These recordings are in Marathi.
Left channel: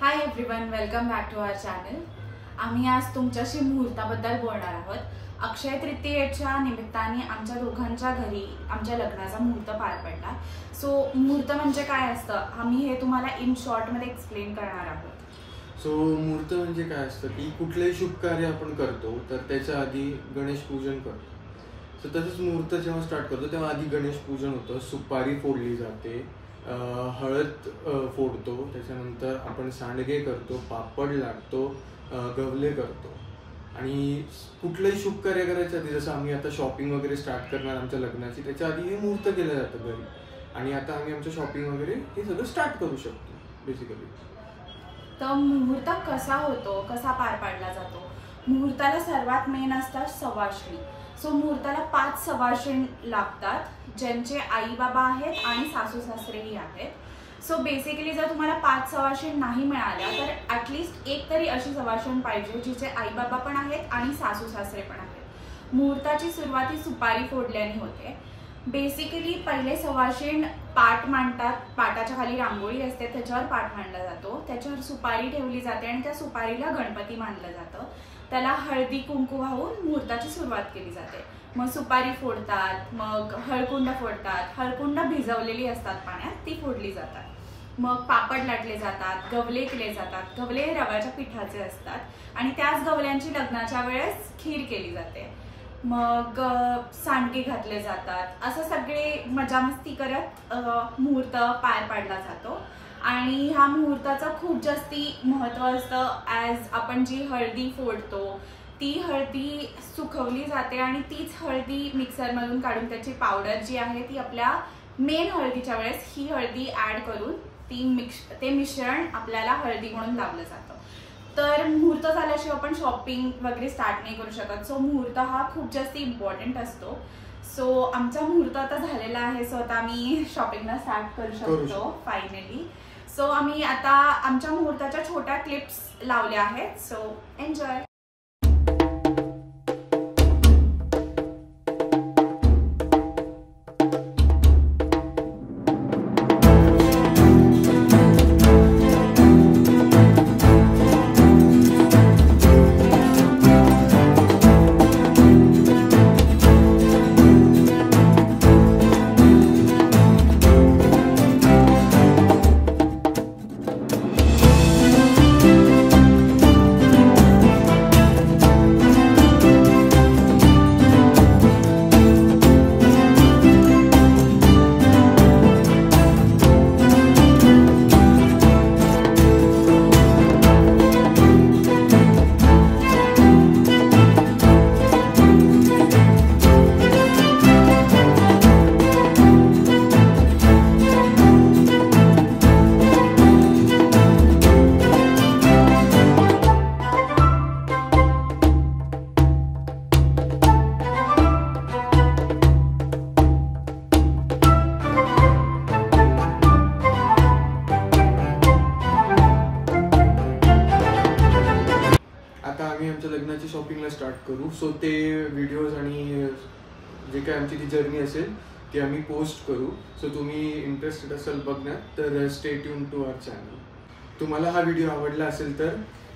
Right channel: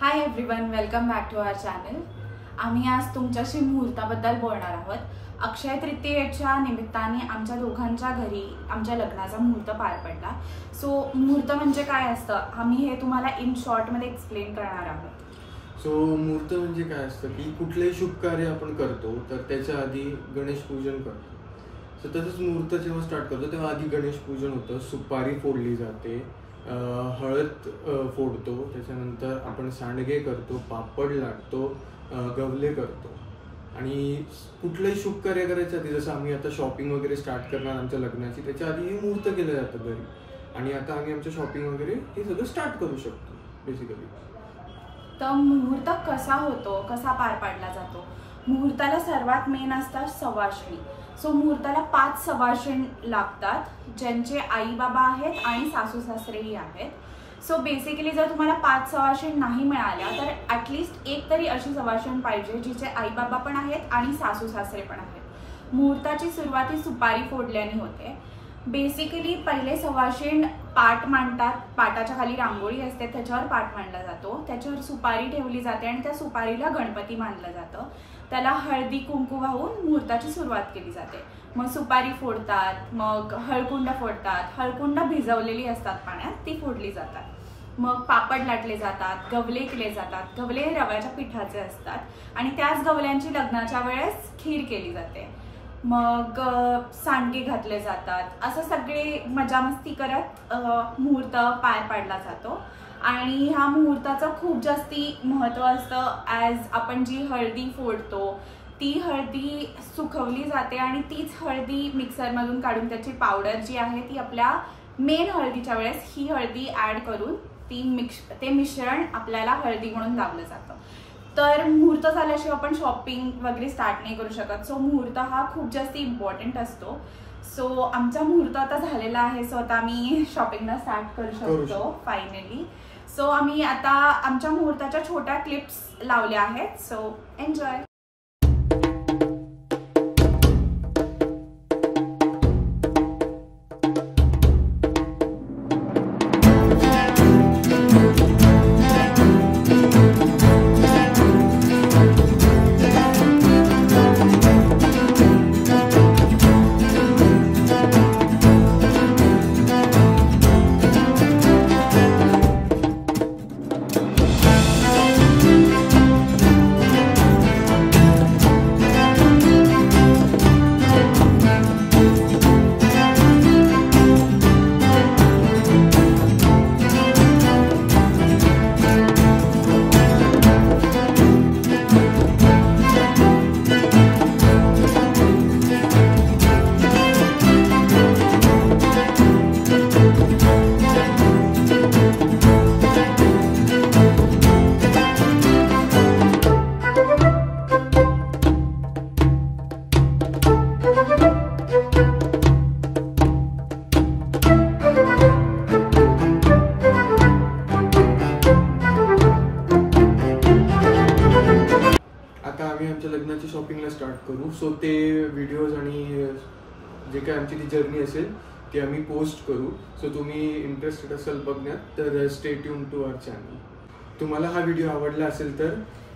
High everyone, welcome back to our channel. आम्ही आज तुमच्याशी मुहूर्ताबद्दल बोलणार आहोत। अक्षय तृतीयेच्या निमित्ताने आमच्या दोघांच्या घरी आमच्या लग्नाचा मुहूर्त पार पडला। सो मुहूर्त म्हणजे काय असतं आम्ही हे तुम्हाला इन शॉर्ट मध्ये एक्सप्लेन करणार आहोत। सो मुहूर्त म्हणजे काय असतं की कुठलेही शुभ कार्य आपण करतो तर त्याच्या आधी गणेश पूजन करतो। सो तसंच मुहूर्त जेव्हा स्टार्ट करतो तेव्हा आधी गणेश पूजन होतं, सुपारी फोडली जाते, हळद फोडतो, त्याच्यानंतर आपण सांडगे करतो, पापड लाटतो, गवले करतो आणि कुठलंही शुभ कार्य करायचं आधी जसं आम्ही आता शॉपिंग वगैरे स्टार्ट करणार आमच्या लग्नाची त्याच्या आधी हे मुहूर्त केलं जातं घरी आणि आता आम्ही आमच्या शॉपिंग वगैरे हे सगळं स्टार्ट करू शकतो बेसिकली। तर मुहूर्त कसा होतो, कसा पार पाडला जातो? मुहूर्ताला सर्वात मेन असतात सवाष्णी। सो मुहूर्ताला 5 सवाष्ण लागतात ज्यांचे आई बाबा आहेत आणि सासू सासरेही आहेत। सो बेसिकली जर तुम्हाला 5 सवाष्ण नाही मिळाल्या तर ॲटलिस्ट एक तरी अशी सवाष्ण पाहिजे जिचे आई बाबा पण आहेत आणि सासू सासरे पण आहेत। मुहूर्ताची सुरुवात सुपारी फोडल्याने होते। बेसिकली पहिले सवाष्ण पाट मांडतात, पाटाच्या खाली रांगोळी असते त्याच्यावर पाट मांडला जातो, त्याच्यावर सुपारी ठेवली जाते आणि त्या सुपारीला गणपती मानलं जातं। त्याला हळदी कुंकू वाहून मुहूर्ताची सुरुवात केली जाते। मग सुपारी फोडतात, मग हळकुंड फोडतात, हळकुंड भिजवलेली असतात पाण्यात ती फोडली जातात। मग पापड लाटले जातात, गवले केले जातात, गवले रव्याच्या पिठाचे असतात आणि त्याच गवल्यांची लग्नाच्या वेळेस खीर केली जाते। मग सांडगे घातले जातात, असं सगळे मजा मस्ती करत मुहूर्त पार पाडला जातो। आणि ह्या मुहूर्ताचं खूप जास्ती महत्त्व असतं। ॲज आपण जी हळदी फोडतो ती हळदी सुकवली जाते आणि तीच हळदी मिक्सरमधून काढून त्याची पावडर जी आहे ती आपल्या मेन हळदीच्या वेळेस ही हळदी ॲड करून ते मिश्रण आपल्याला हळदी म्हणून लावलं जातं। तर मुहूर्त झाल्याशिवाय आपण शॉपिंग वगैरे स्टार्ट नाही करू शकत। सो मुहूर्त हा खूप जास्त इम्पॉर्टंट असतो। सो आमचा मुहूर्त आता झालेला आहे, सो आता आम्ही शॉपिंगला स्टार्ट करू शकतो फायनली। सो आम्ही आता आमच्या मुहूर्ताच्या छोट्या क्लिप्स लावल्या आहेत, सो एन्जॉय। आम्ही आमच्या लग्नाची शॉपिंगला स्टार्ट करू। सो ते व्हिडिओज आणि जे काय आमची ती जर्नी असेल ती आम्ही पोस्ट करू। सो तुम्ही इंटरेस्टेड असाल बघण्यात तर stay tune to our channel. तुम्हाला हा व्हिडिओ आवडला असेल तर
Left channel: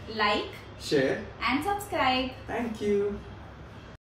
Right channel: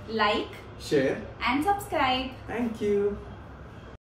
like, share and subscribe. Thank you.